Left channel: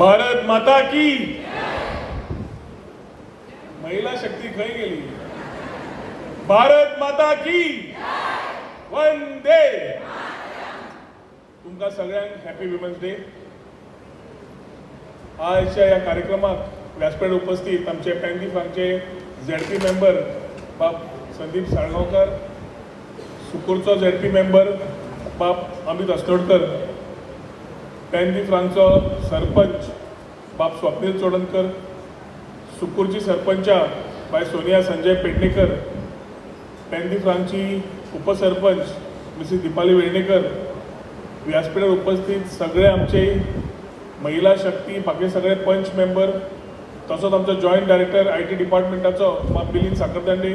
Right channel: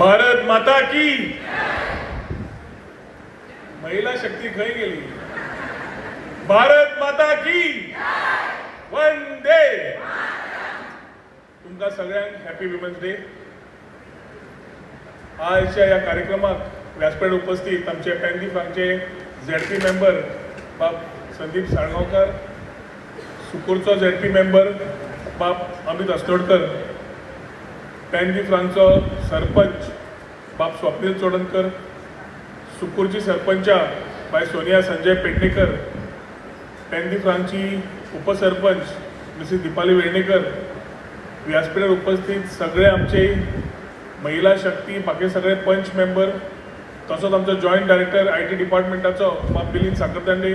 भारत माता की महिला शक्ती खय गेली. भारत माता की वंदे. तुमका सगळ्यांक हॅपी विमेन्स डे. आजच्या या कार्यक्रमात व्यासपीठ उपस्थित आमचे पॅनदीप आमचे झेडपी मेंबर बाप संदीप साळगांवकर, सुकूरचो झेडपी मेंबर बाप अमित अस्नोडकर, पॅनदीप रांचो सरपंच बाप स्वप्नील चोडणकर, सुकूरची सरपंचा बाय सोनिया संजय पेडणेकर, पॅनदीप रांची उपसरपंच मिसेस दीपाली वेर्णेकर, व्यासपीठार उपस्थित सगळे आमचे महिला शक्ती बाकी सगळे पंच मेंबर, तसोच आमचो जॉईंट डायरेक्टर IT डिपार्टमेंटाचो बाप मिलिंद साखरदांडे,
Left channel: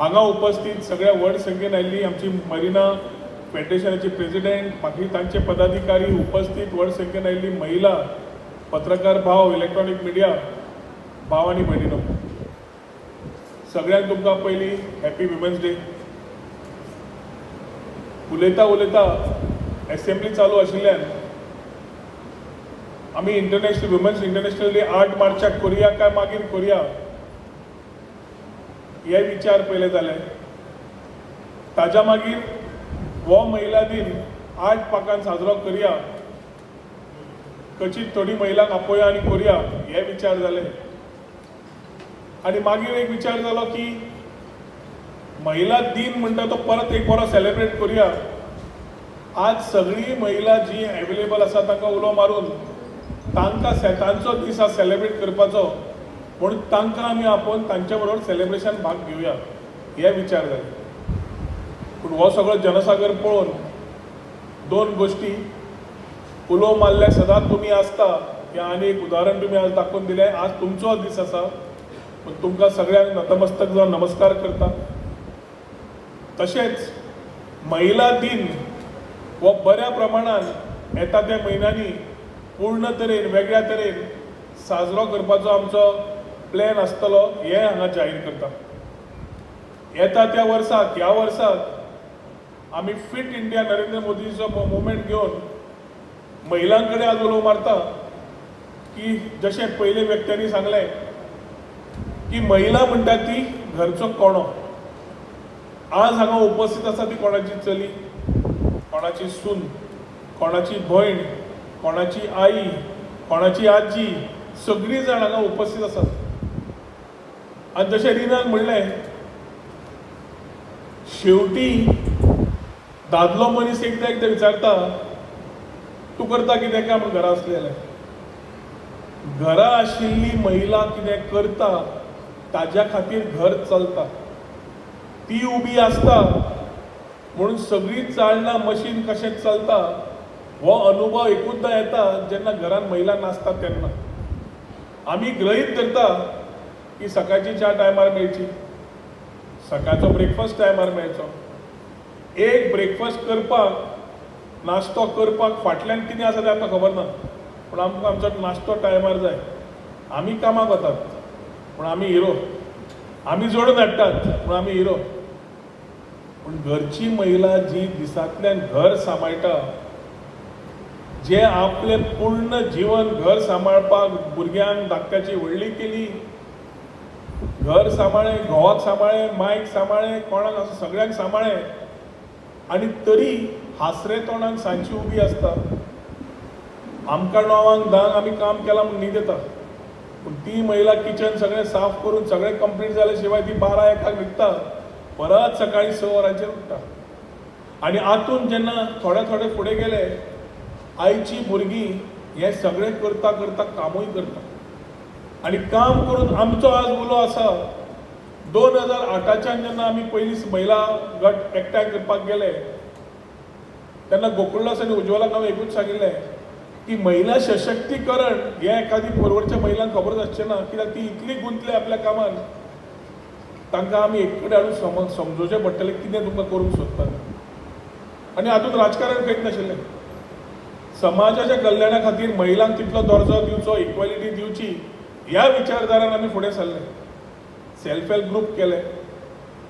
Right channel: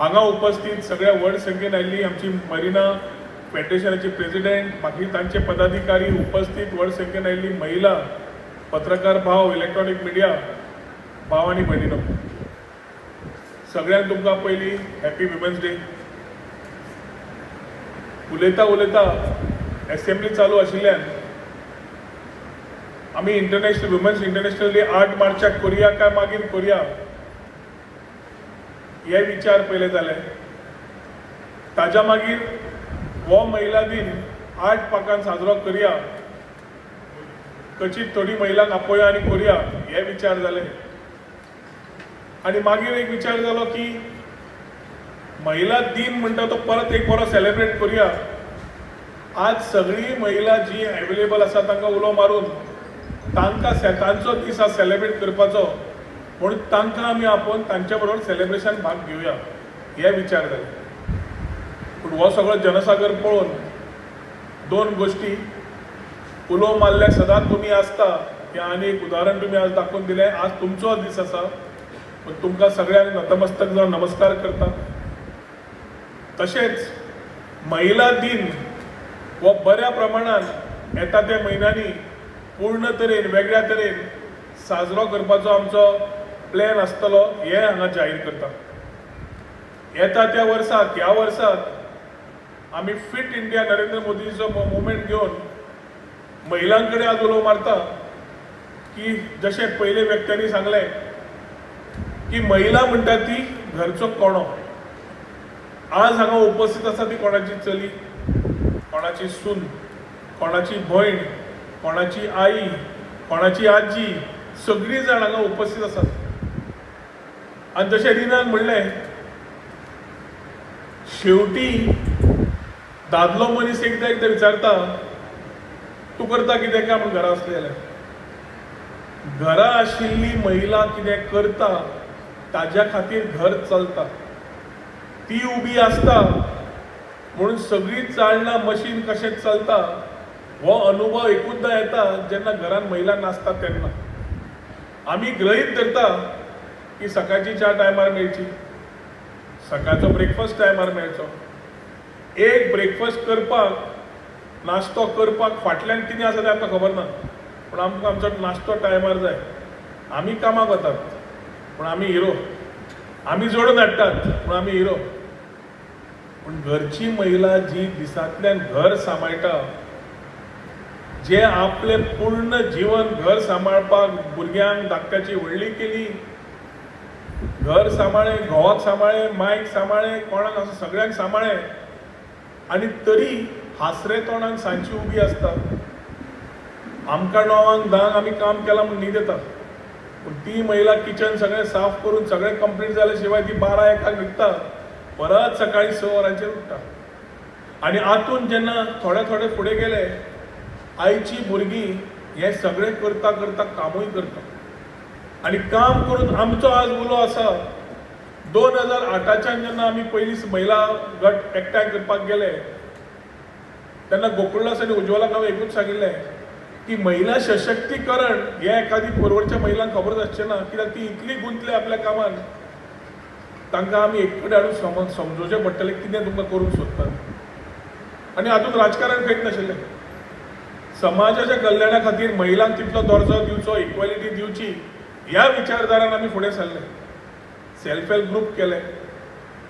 हांगा उपस्थित सगळ्या व्हड संख्येन आयिल्ली आमची मरिना फेडरेशनाची प्रेसिडेंट, बाकी तांचे पदाधिकारी उपस्थित व्हड संख्येन आयिल्ली महिला, पत्रकार भाव, इलेक्ट्रॉनिक मिडिया भाव आनी भयणीनो, सगळ्यांक तुमकां पयली हॅपी विमेन्स डे. उलयता उलयता असेंब्ली चालू आशिल्ल्यान आमी वुमन्स इंटरनॅशनल डे 8 मार्चाक करुया काय मागीर करुया हे विचार पयले जाले. ताज्या मागीर हो महिला दिन 8 पाकान साजरो करुया, कचित थोडी महिलांक आपोवया आनी करुया हे विचार जाले. आनी मागीर एक विचार जालो की महिला दिन म्हणटा तो परत एक बरो सेलिब्रेट करुया. आज सगळी महिला जी अवेलेबल आसा तांकां उलो मारून तांकां तांचो दीस आज सेलिब्रेट करपाचो म्हणून तांकां आमी आपोवन तांच्या बरोबर सेलिब्रेशन भाग घेवया हे विचार जाले. पूण हो सगळो जनसागर पळोवन दोन गोष्टी उलो मारले सदांच तुमी आसता हें आनी एक उदाहरण तुमी आज दाखोवन दिलें. आज तुमचो दीस आसा पूण तुमकां सगळ्यांक नतमस्तक जावन नमस्कार करता. तशेंच महिला दिन हो बऱ्या प्रमाणान येता त्या म्हयन्यांनी पूर्ण तरेन वेगळ्या तरेन साजरो करपाचो आमचो प्लॅन आसतलो हें हांगा जाहीर करता. येता त्या वर्साक ह्या वर्साक आमी फिट इंडिया नरेंद्र मोदीचो मुवमेंट घेवन महिलां कडेन आज उलो मारता की जशें पयले व्यक्त्यांनी सांगलें की महिला म्हणटा ती घरचो कोणो. आज हांगा उपस्थित आसा ती कोणाची चली, कोणाची सून, कोणाची भयण, कोणाची आई, कोणाची आजी, सगळी जाण हांगा उपस्थित आसात. आनी जशें रिनान म्हणलें शेवटी दादलो मनीस एकदां एकदां विचारता तूं करता कितें काम घरा आसलें जाल्यार. घरा आशिल्ली महिला कितें करता ताज्या खातीर घर चलता. ती उबी आसता म्हणून सगळी चालना मशीन कशें चलता हो अनुभव एकूचदां येता जेन्ना घरान महिला नासता तेन्ना. आमी गृहीत धरता की सकाळची च्या टायमार मेळची, सकाळचो ब्रेकफास्ट टायमार मेळचो. एक ब्रेकफास्ट करपाक नाश्तो करपाक फाटल्यान कितें आसा तें आमकां खबर ना, पूण आमकां आमचो नाश्तो टायमार जाय. आमी कामाक वतात पूण आमी हिरो, आमी जोडून हाडटात पूण आमी हिरो. पूण घरची महिला जी दिसांतल्यान घर सांबाळटा, जे आपले पूर्ण जीवन घर सांबाळपाक भुरग्यांक धाकट्याची व्हडली केली, घर सांबाळ्ळें, घोवाक सांबाळ्ळें, मायक सांबाळ्ळें, कोणाक असो सगळ्यांक सांबाळ्ळें आनी तरी हासरे तोंडान सांजची उबी आसता. आमकां 9-10 आमी काम केलां म्हूण न्हीद येता, पूण ती महिला किचन सगळें साफ करून सगळें कंप्लीट जाले शिवाय ती 12-1 न्हिदता, परत सकाळी 6 वरांचेर उठटा. आनी आतून जेन्ना थोडे थोडे फुडें गेले, आईची भुरगीं हें सगळें करता करता कामूय करता. आनी काम करून आमचो आज उलो आसा 2008च्यान जेन्ना आमी पयलीं महिला गट एकठांय करपाक गेले तेन्ना गोकुळदास आनी उज्ज्वलाक हांवें एकूच सांगिल्लें की महिला सशक्तीकरण हें एखादी परवडच्या महिलांक खबर आसचें ना, कित्याक ती इतली गुंतले आपल्या कामान तांकां आमी एक कडेन हाडून समजोवचें पडटलें कितें तुमकां करूंक सोदता. आनी हातूंत राजकारण खंयच नाशिल्लें. समाजाच्या कल्याणा खातीर महिलांक तितलो दर्जो दिवचो, इक्वॅलिटी दिवची ह्या विचारधारान आमी फुडें सरले. सेल्फ हेल्प ग्रूप केले,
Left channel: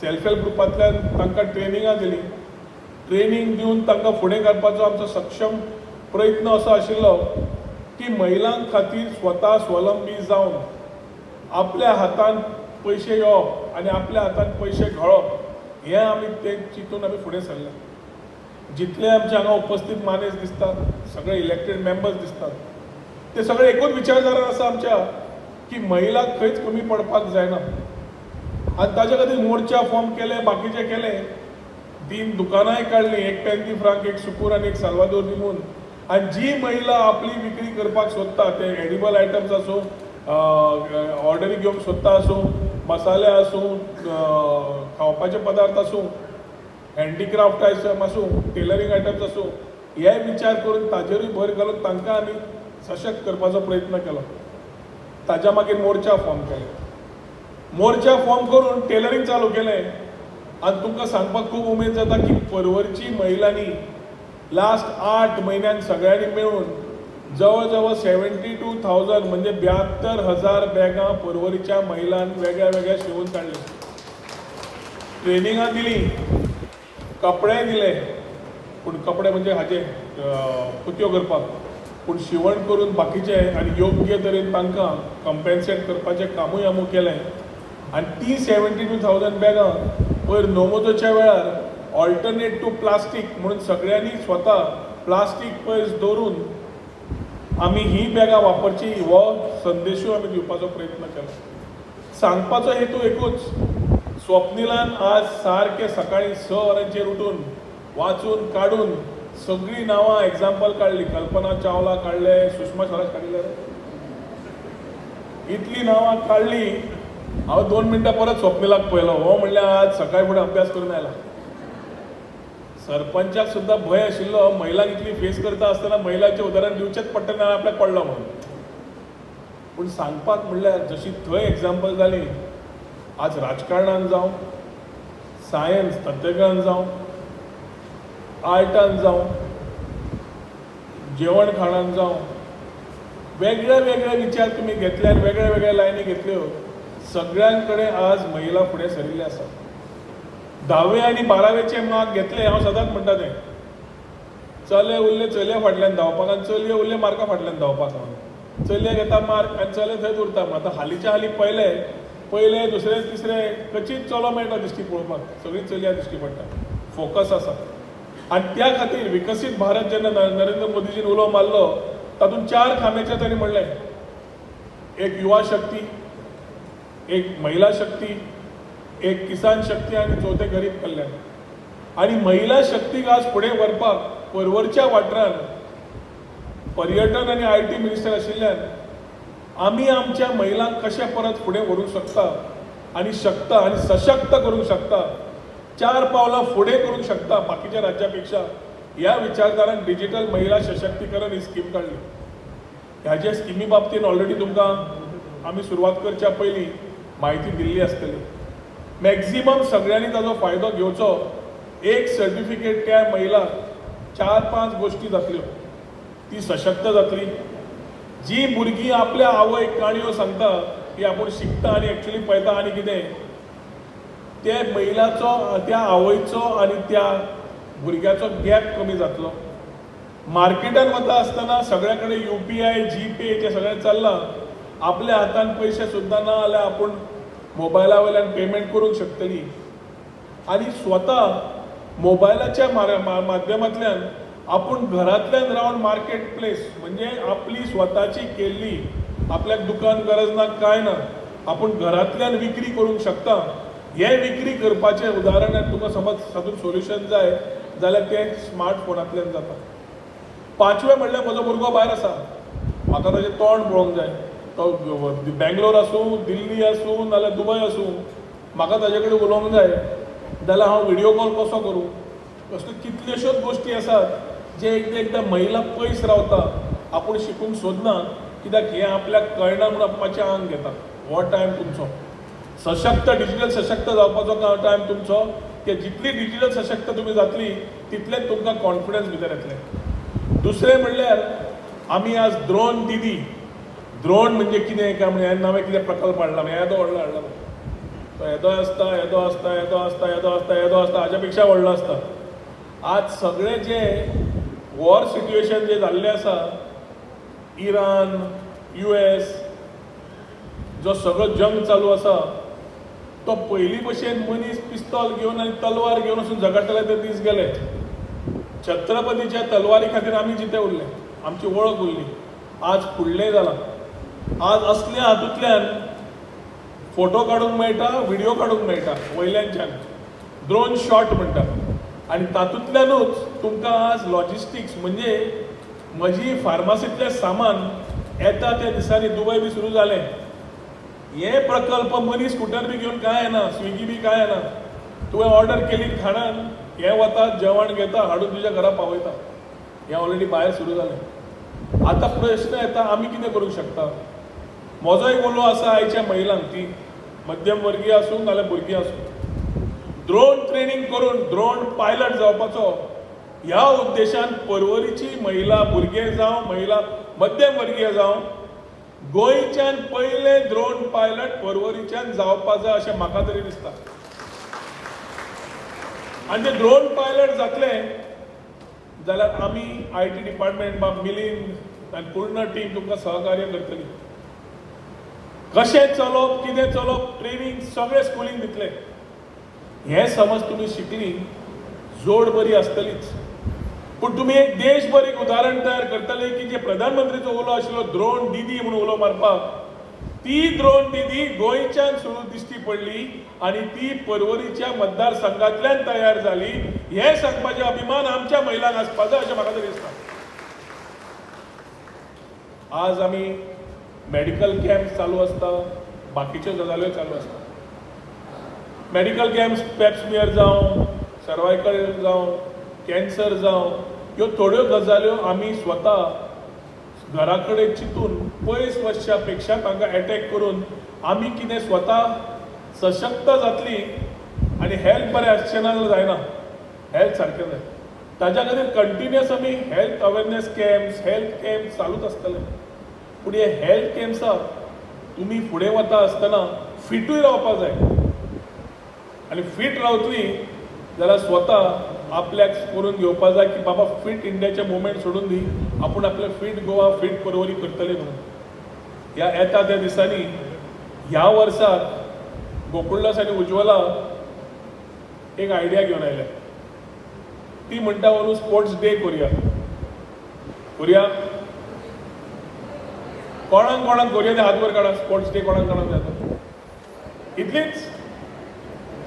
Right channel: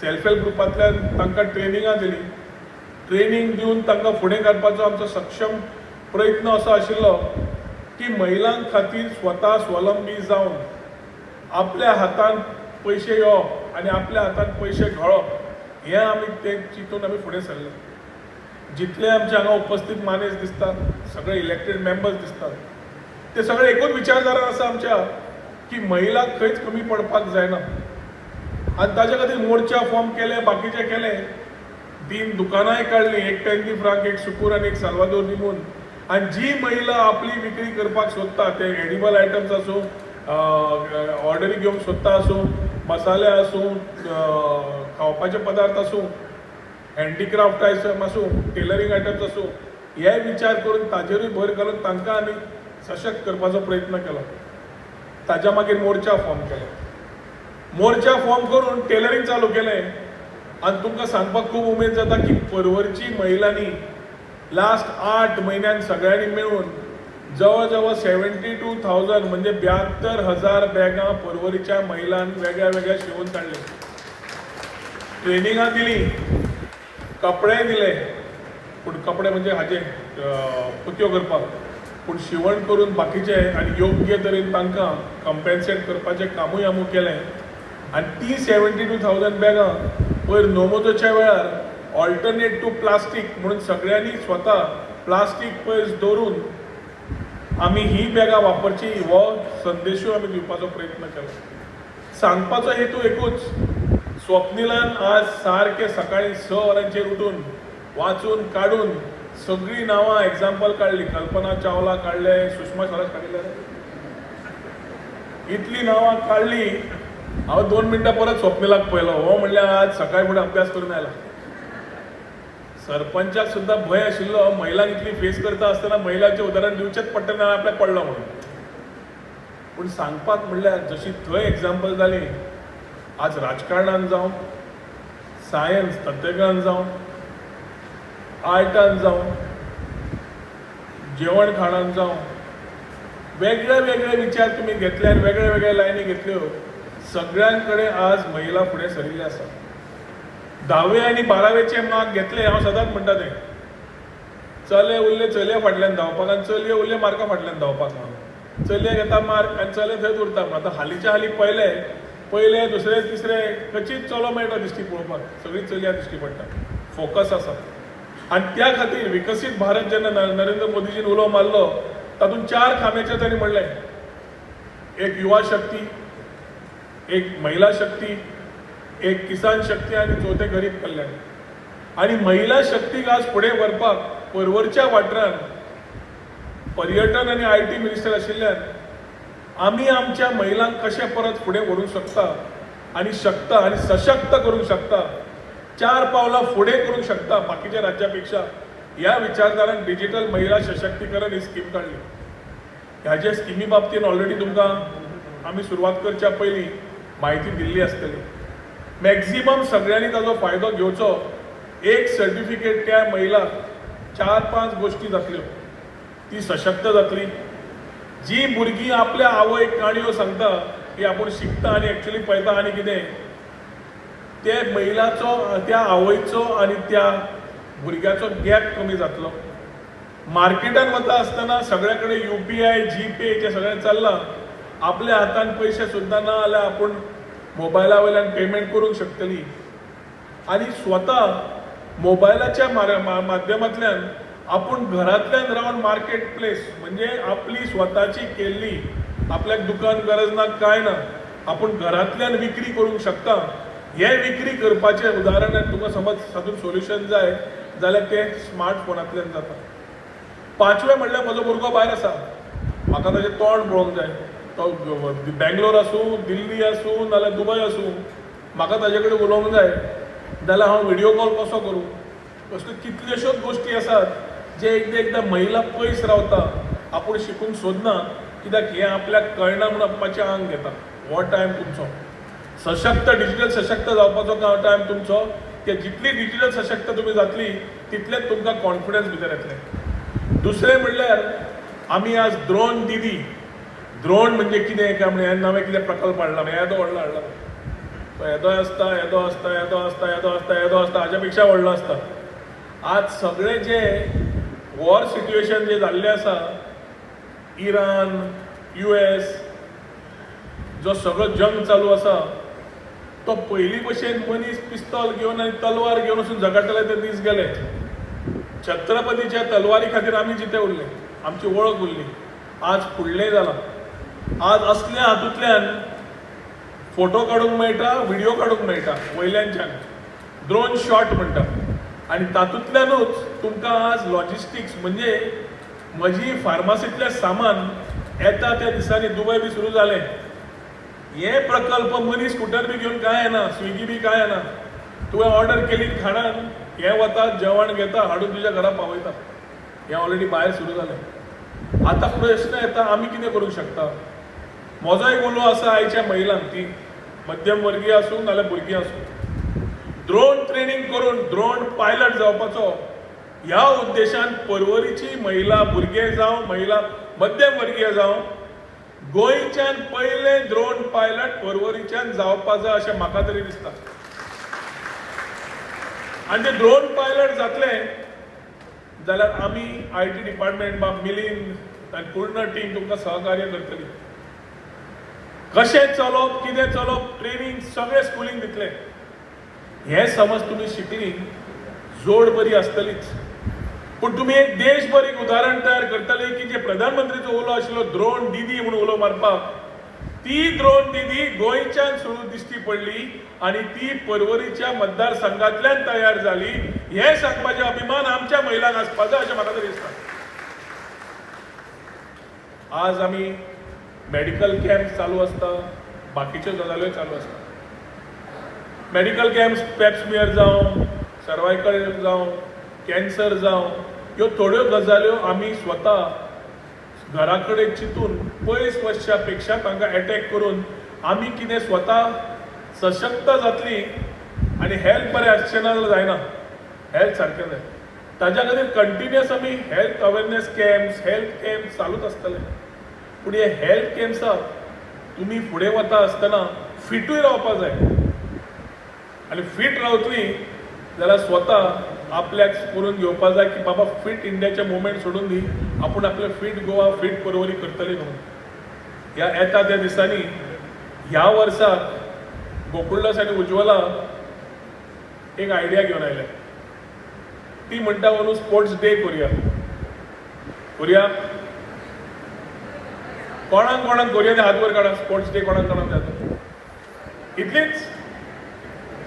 सेल्फ हेल्प ग्रुपांतल्यान तांकां ट्रेनिंगां दिली, ट्रेनिंग दिवन तांकां फुडें काडपाचो आमचो सक्षम प्रयत्न असो आशिल्लो की महिलां खातीर स्वता स्वलंबी जावन आपल्या हातान पैसे येवप आनी आपल्या हातान पैसे घाळप हें आमी ते चिंतून आमी फुडें सरले. जितले आमचे हांगा उपस्थित मानेस दिसतात सगळे इलेक्टेड मेंबर्स दिसतात ते सगळे एकूच विचारधारा आसा आमच्या की महिलाक खंयच कमी पडपाक जायना आनी ताजे खातीर मोर्चा फॉर्म केले बाकीचे केले 3 दुकानांय काडली एक टँकी फ्रांक एक सुकूर आनी एक साल्वादोर दिमून आनी जी महिला आपली विक्री करपाक सोदता ते एडिबल आयटम्स आसूं ऑर्डरी घेवंक सोदता आसूं मसाले आसूं खावपाचे पदार्थ आसूं हँडीक्राफ्ट आयटम आसूं टेलरींग आयटम्स आसूं हे विचार करून ताजेरूय भर घालून तांकां आमी सशक्त करपाचो प्रयत्न केलो. ताज्या मागीर मोर्चा फॉर्म केलो. मोर्चा फॉर्म करून टेलरींग चालू केलें आनी तुमकां सांगपाक खूब उमेद जाता की परवरची महिलांनी लास्ट 8 म्हयन्यान सगळ्यांनी मेळून जवळ जवळ 72,000 म्हणजे 72,000 बॅगां परवरीच्या महिलांक वेगळ्या वेगळ्या शिवून काडले. ट्रेनिंगां दिली कपडे दिले पूण कपडे म्हणजे हाजे पुत्यो करपाक पूण शिवण करून बाकीचे आनी योग्य तरेन तांकां कंपेन्सेट करपाचें कामूय आमी केलें आनी ती 72,000 बॅगां पयर नोमोजोच्या वेळार ऑल्टरनेट टू प्लास्टीक म्हणून सगळ्यांनी स्वता प्लास्टीक पयस दवरून आमी ही बॅगां वापरची हो संदेशूय आमी दिवपाचो प्रयत्न केलो. सांगपाचो हेतू एकूच स्वप्निलान आज सारके सकाळी 6 वरांचेर उठून वाचून काडून सगळीं नांवां एग्जाम्पल काडली. कल्पना चावला काडले सुषमा स्वराज काडिल्ले इतली नांवां काडली. हांव 2 मिनटां परत स्वप्निलाक पळयलो हो म्हणल्यार आज सकाळी फुडें अभ्यास करून आयला. सरपंचाक सुद्दां भंय आशिल्लो महिलांक इतली फेस करता आसतना महिलांचें उदाहरण दिवचेंच पडटलें ना आपल्याक पडलो म्हणून पूण सांगपाक म्हणल्यार जशी थंय एग्जाम्पल जाली आज राजकारणान जावं सायन्स तंत्रज्ञान जावं आर्टान जावं जेवण खाणान जावं वेगळे वेगळे विचार तुमी घेतले आनी वेगळे वेगळे लायनी घेतल्यो सगळ्यां कडेन आज महिला फुडें सरिल्ले आसा. 10वे आनी 12वेचे मार्क घेतले हांव सदांच म्हणटा तें चले उरले चलये फाटल्यान धांवपाक आनी चलये उरले मार्का फाटल्यान धांवपाक चलये घेता मार्क आनी चले थंयच उरता. आतां हालींच्या हालीं पयले दुसरे तिसरे खंयचीच चलो मेळटा दिश्टी पळोवपाक सगळीं चलयां दिश्टी पडटा. फोकस आसा आनी त्या खातीर विकसीत भारत जेन्ना नरेंद्र मोदीजीन उलो मारलो तातूंत 4 खांब्याचेर तांणी म्हणलें एक युवा शक्ती एक महिला शक्ती एक किसान शक्ती आनी चौथे गरीब कल्याण. आनी महिला शक्तीक आज फुडें व्हरपाक परवरच्या वाठारान पर्यटन आनी IT मिनिस्टर आशिल्ल्यान आमी आमच्या महिलांक कशें परत फुडें व्हरूंक शकता आनी सशक्त करूंक शकता 4 पावलां फुडें करूंक शकता बाकीच्या राज्यां पेक्षा ह्या विचारधारान डिजिटल महिला सशक्तीकरण ही स्कीम काडली. ह्याचे स्किमी बाबतींत ऑलरेडी तुमकां आमी सुरवात करच्या पयलीं म्हायती दिल्ली आसतली. मॅक्झिमम सगळ्यांनी ताजो फायदो घेवचो. एक सर्टिफिकेट त्या महिलाक 4-5 गोश्टी जातल्यो. ती सशक्त जातली. जी भुरगीं आपल्या आवयक काणयो सांगता की आपूण शिकता आनी एक्चुअली पळयता आनी कितें ते महिलाचो त्या आवयचो आनी त्या भुरग्याचो गॅप कमी जातलो. मार्केटान वता आसतना सगळे कडेन UPI GPay हेचें सगळें चल्लां. आपल्या हातान पयशे सुद्दां ना जाल्यार आपूण मोबायला वयल्यान पेमेंट करूंक शकतली आनी स्वता मोबायलाच्या माध्यमांतल्यान आपूण घरांतल्यान रावन मार्केट प्लेस म्हणजे आपली स्वताची केल्ली आपल्याक दुकान गरज ना काय ना आपूण घरांतल्यान विक्री करूंक शकता. हे विक्री करपाचें उदाहरण तुका समज हातूंत सोल्युशन जाय जाल्यार तें स्मार्टफोनांतल्यान जाता. 5वें म्हणल्यार म्हजो भुरगो भायर आसा म्हाका ताचें तोंड पळोवंक जाय. तो बेंगलोर आसूं दिल्ली आसूं नाल्यार दुबय आसूं म्हाका ताजे कडेन उलोवंक जाय जाल्यार हांव व्हिडियो कॉल कसो करूं. अश्यो कितल्योश्योच गोश्टी आसात जे एकदां महिला पयस रावता आपूण शिकूंक सोदना कित्याक हें आपल्याक कळना म्हूण आपणाचें आंग घेता. हो टायम तुमचो सशक्त डिजिटल सशक्त जावपाचो टायम तुमचो की जितली डिजिटल सशक्त तुमी जातली तितलेंच तुमकां कॉन्फिडन्स भितर येतलें. दुसरें म्हणल्यार आमी आज ड्रोन दीदी ड्रोन म्हणजे कितें काय म्हणजे नवे कितें प्रकल्प हाडला येदो व्हडलो हाडला तो येदोय आसता येदो आसता येदो आसता येदो आसता येदो आसता हाच्या पेक्षा व्हडलो आसता. आज सगळे जे वॉर सिट्युएशन जे जाल्लें आसा इराण, US जो सगळो जंग चालू आसा तो पयलीं भशेन मनीस पिस्तॉल घेवन आनी तलवार घेवन वचून झगडटाले ते दीस गेले. छत्रपतीच्या तलवारी खातीर आमी जिते उरले, आमची वळख उरली. आज फुडलें जालां. आज असल्या हातूंतल्यान फोटो काडूंक मेळटा, व्हिडिओ काडूंक मेळटा वयल्यानच्यान, ड्रोन शॉट म्हणटा. आनी तातूंतल्यानूच तुमकां आज लॉजिस्टिक्स म्हणजे म्हजी फार्मासींतलें सामान येता त्या दिसांनी दुबय बी सुरू जालें. हे प्रकल्प मनीस स्कूटर बी घेवन काय येना, स्विगी बी काय येना. तुवें ऑर्डर केली खाणान, हे वतात, जेवण घेता, हाडून तुज्या घरा पावयता. हें ऑलरेडी भायर सुरू जालें. आतां प्रश्न येता, आमी कितें करूंक शकता? म्हजो एक उलो आसा आयच्या महिलांक, ती मध्यम वर्गीय आसूं नाल्यार भुरगीं आसूं, ड्रोन ट्रेनिंग करून ड्रोन पायलट जावपाचो ह्या उद्देशान पर्वरीची महिला, भुरगे जावं, महिला मध्यम वर्गीय जावं, गोंयच्यान पयले ड्रोन पायलट पर्वरीच्यान जावपा जाय अशें म्हाका तरी दिसता. आनी ते ड्रोन पायलट जातले जाल्यार आमी IT डिपार्टमेंट मिलीन आनी पूर्ण टीम तुमकां सहकार्य करतली. कशें चलोवप, कितें चलोवप, ट्रेनिंग सगळें स्कुलींग दितले. हें समज तुमी शिकली, जोड बरी आसतलीच. पूण तुमी एक देशभर एक उदाहरण तयार करतले की जे प्रधानमंत्रीचो उलो आशिल्लो ड्रोन दीदी म्हणून उलो मारपाक, ती ड्रोन दीदी गोंयच्यान सुरू दिश्टी पडली आनी ती पर्वरीच्या मतदारसंघांतल्यान तयार जाली. हें सांगपाचें अभिमान आमच्या महिलांक आसपा जाय अशें म्हाका तरी दिसता. आज आमी मेडिकल कॅम्प चालू आसता, बाकीच्यो गजाल्यो चालू आसता. मेडिकल कॅम्प्स पेप्समियर जावं, सर्वायकल जावं, कॅन्सर जावं, ह्यो थोड्यो गजाल्यो आमी स्वता घरा कडेन चिंतून पयस वचच्या पेक्षा तांकां अटॅक करून आमी कितें स्वता सशक्त जातली आनी हेल्थ बरें आसचें ना जायना. हेल्थ सारकें जाय. ताच्या खातीर कंटिन्युअस आमी health awareness camps, health camps चालूच आसतले. पूण हे हेल्थ कॅम्प्साक तुमी फुडें वता आसतना फिटूय रावपा जाय. आनी फिट रावतली जाल्यार स्वता आपल्याक करून घेवपा जाय की बाबा फिट इंडियाचे मुवमेंट सोडून दी, आपूण आपले फिट गोवा, फिट पर्वरी करतली म्हणून. ह्या येता त्या दिसांनी ह्या वर्साक गोकुळदास आनी उज्ज्वला एक आयडिया घेवन आयल्या. ती म्हणटा म्हणून स्पोर्ट्स डे करुया. कोणाक कोणाक करुया ते हात वर काडा. स्पोर्ट्स डे कोणाक कोणाक जाय इतलीच.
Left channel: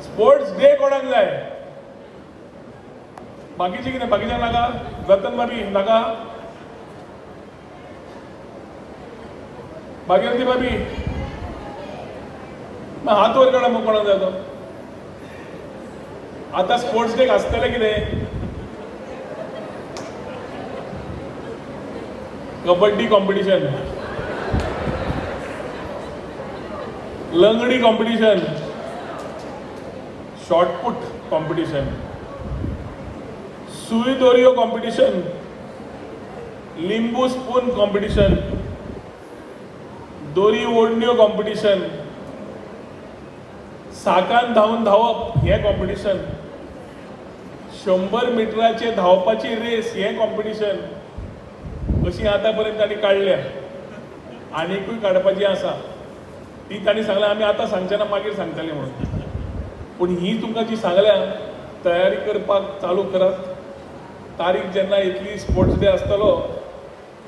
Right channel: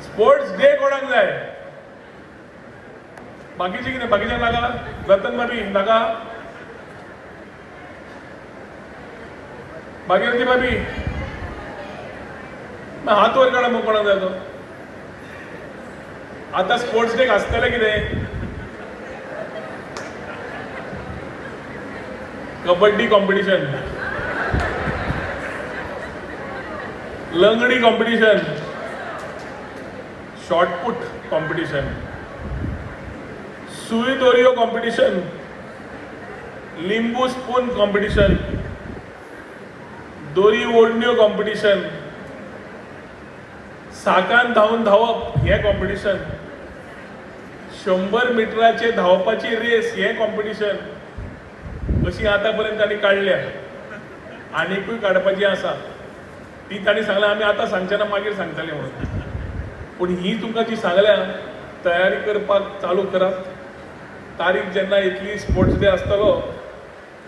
स्पोर्ट्स डे कोणाक जाय? बाकीचे कितें? बाकीच्या नाका? रतन बाबी नाका? भागीरथी बाबी हात वर काडा. मग कोणाक जाय तो? आता स्पोर्ट्स डे आसतलें कितें? कबड्डी कॉम्पिटिशन, लंगडी कॉम्पिटिशन, शॉर्टपुट कॉम्पिटिशन, सुई दोरयो कॉम्पिटिशन, लिंबू स्पून कॉम्पिटिशन, दोरी ओडण्यो कॉम्पिटिशन, साकान धांवन धांवप हें कॉम्पिटिशन, 100 मिटराचे धांवपाची रेस हें कॉम्पिटिशन. अशी आतापर्यंत तांणी काडल्या. आनीकूय काडपाची आसा. ती तांणी सांगल्या आमी आतां सांगचे ना, मागीर सांगतले म्हणून. पूण ही तुमकां जी सांगल्या तयारी करपाक चालू करात. तारीख जेन्ना येतली स्पोर्ट्स डे आसतलो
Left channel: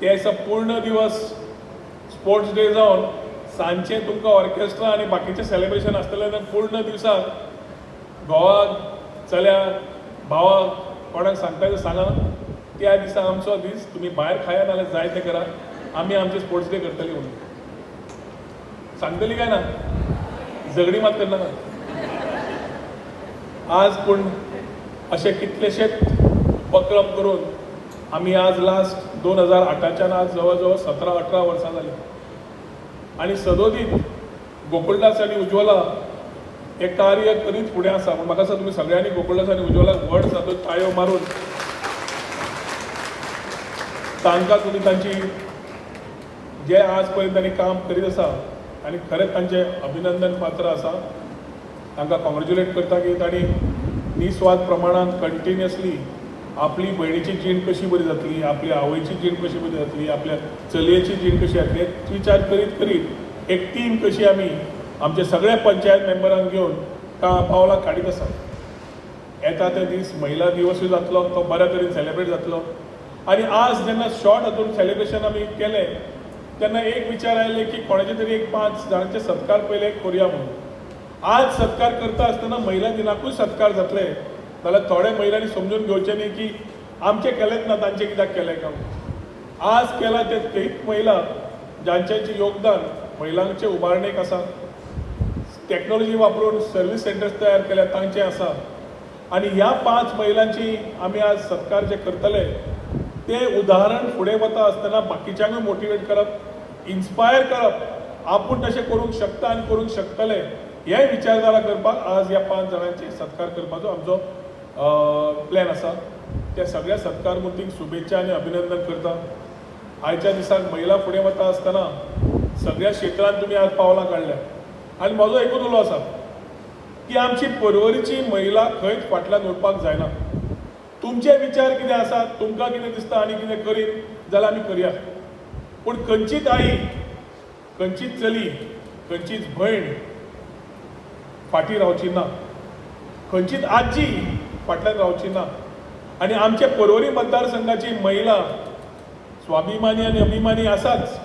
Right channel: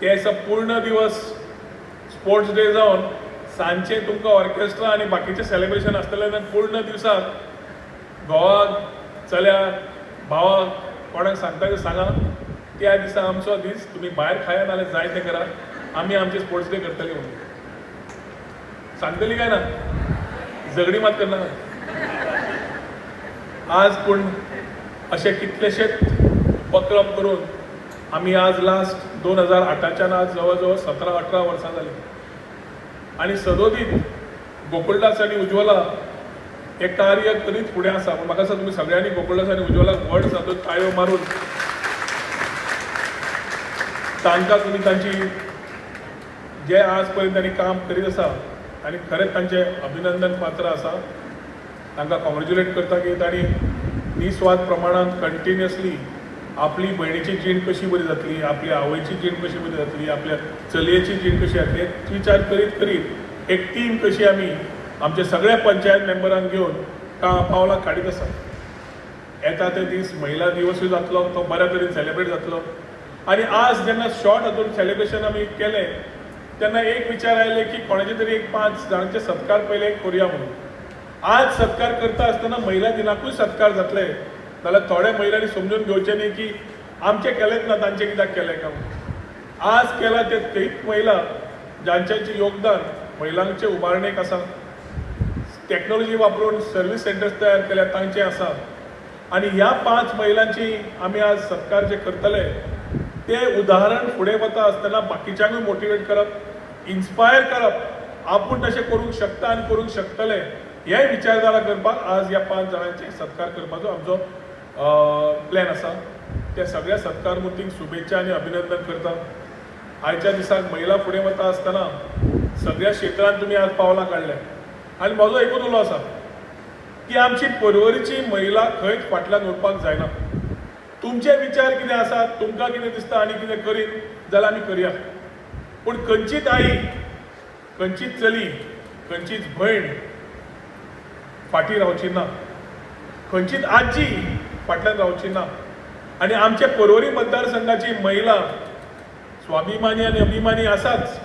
त्या दिसा पूर्ण दिवस स्पोर्ट्स डे जावन सांजचे तुमकां ऑर्केस्ट्रा आनी बाकीचें सेलिब्रेशन आसतलें. पूर्ण दिसाक घोवाक, चल्याक, भावाक कोणाक सांगता तें सांगा. त्या दिसा आमचो दीस तुमी भायर खाया नाल्यार जाय तें करा. आमी आमचे स्पोर्ट्स डे करतली म्हणून सांगतली काय ना? झगडी मात करना. आज पूण अशे कितलेशेच उपक्रम करून आमी आज लास्ट 2008च्यान आज जवळ जवळ 17-18 वर्सां जालीं. आनी सदोदीत गोकुळदास आनी उज्ज्वला हे कार्य करीत फुडें आसा. म्हाका दिसता तुमी सगळ्यांनी गोकुळदास आनी उज्ज्वलाक व्हड सादून ताळयो मारून तांकां तुमी तांची जे आज पर्यंत तांणी काम करीत आसा आनी खरेंच तांचे अभिनंदन पात्र आसा. तांकां कॉंग्रेच्युलेट करता की तांणी निस्वार्थ प्रमाणांत कंटिन्युअसली आपली भयणीची जीण कशी बरी जातली, आपली आवयची जीण कशी बरी जातली, आपल्या चलयेची जीण कशी जातली विचार करीत करीत एक टीम कशी आमी आमच्या सगळ्या पंचायत मेंबरांक घेवन पावलां काडीत आसा. येता ते दीस महिला दिवसूय जातलो, तो बऱ्या तरेन सेलिब्रेट जातलो. आनी आज जेन्ना शॉर्ट हातून सेलिब्रेशन आमी केलें तेन्ना एक विचार आयले की कोणाचे तरी एक 5 जाणांचे सत्कार पयले करुया म्हणून. आज सत्कार करता आसतना महिला दिनाकूय सत्कार जातले जाल्यार थोड्या महिलांनी समजून घेवचें न्ही की आमचे केलेंच ना तांचे कित्याक केलें काय. आज केला ते तेच महिला जांचें योगदान महिलांचे उबारणेक आसा. टेक्नॉलॉजी वापरून सर्व्हिस सेंटर्स तयार केल्या तांचें आसा. आनी ह्या 5 महिलांची आमी आज सत्कार जे करतले ते उदाहरण फुडें वता आसतना बाकीच्यांकूय मोटिवेट करप, इन्स्पायर करप, आपूण तशें करूंक शकता आनी करूंक शकतले हे विचारधारा करपाक आज ह्या 5 जाणांचे सत्कार करपाचो आमचो प्लॅन आसा. त्या सगळ्या सत्कार मुर्तीक शुभेच्छा आनी अभिनंदन करता. आयच्या दिसाक महिला फुडें वता आसतना सगळ्या क्षेत्रांत तुमी आज पावलां काडल्या आनी म्हजो एकूच उलो आसा की आमची परवरीची महिला खंयच फाटल्यान उरपाक जायना. तुमचे विचार कितें आसात, तुमकां कितें दिसता आनी कितें करीत जाल्यार आमी करया. पूण खंयचीच आई, खंयचीच चली, खंयचीच भयण फाटीं रावची ना, खंयचीच आजी फाटल्यान रावची ना. आनी आमचे पर्वरी मतदारसंघाची महिला स्वाभिमानी आनी अभिमानी आसाच,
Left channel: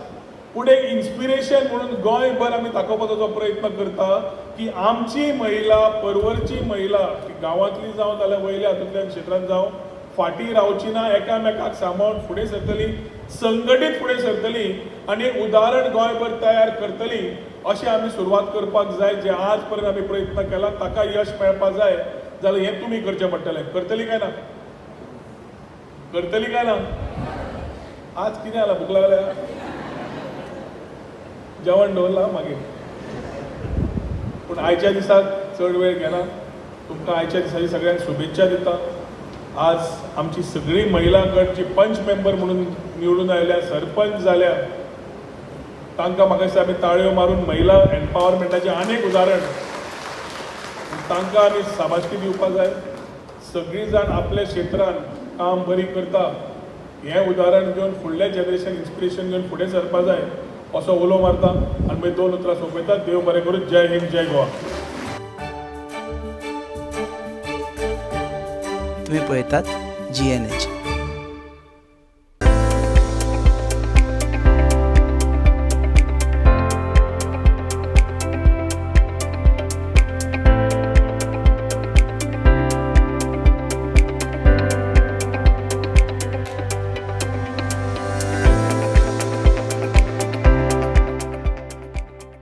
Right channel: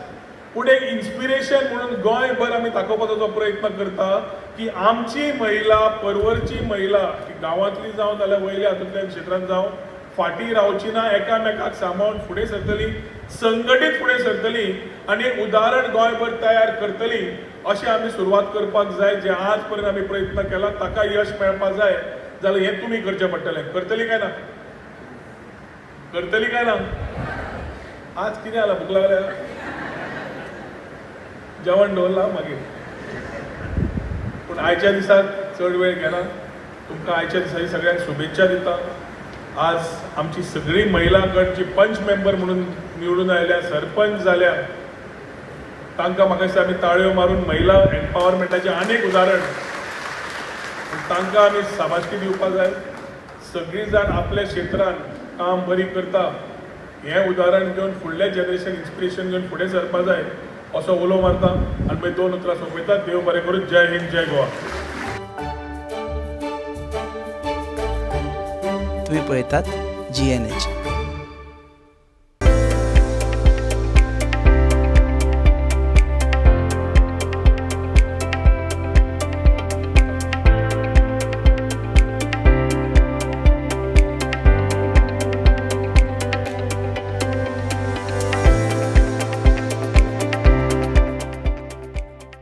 पूण एक इन्स्पिरेशन म्हणून गोंयभर आमी दाखोवपाचो प्रयत्न करता की आमची महिला, पर्वरची महिला गांवांतली जावं जाल्यार वयल्या हातूंतल्या क्षेत्रांत जावं फाटीं रावची ना, एकामेकाक सांबाळून फुडें सरतली, संघटीत फुडें सरतली आनी एक उदाहरण गोंयभर तयार करतली. अशें आमी सुरवात करपाक जाय. जे आज पर्यंत आमी प्रयत्न केला ताका यश मेळपाक जाय जाल्यार हें तुमी करचें पडटलें. करतली काय ना? करतली काय ना? आज कितें जालां? भूक लागल्या? जेवण दवरलां मागीर. पूण आयच्या दिसाक चड वेळ घेना. तुमकां आयच्या दिसाची सगळ्यांक शुभेच्छा दिता. आज आमची सगळी महिला गट जी पंच मेंबर म्हणून निवडून आयल्या, सरपंच जाल्या, तांकां म्हाका दिसता आमी ताळयो मारून महिला एम्पावरमेंटाचें अनेक उदाहरण तांकां आमी शाबासकी दिवपाक जाय. सगळीं जाण आपल्या क्षेत्रांत काम बरी करता हें उदाहरण घेवन फुडलें जनरेशन इन्स्पिरेशन घेवन फुडें सरपाक जाय असो उलो मारता आनी मागीर 2 उतरां सोंपयता. देव बरें करूं. जय हिंद, जय गोवा. तुम्ही पळयतात GNH.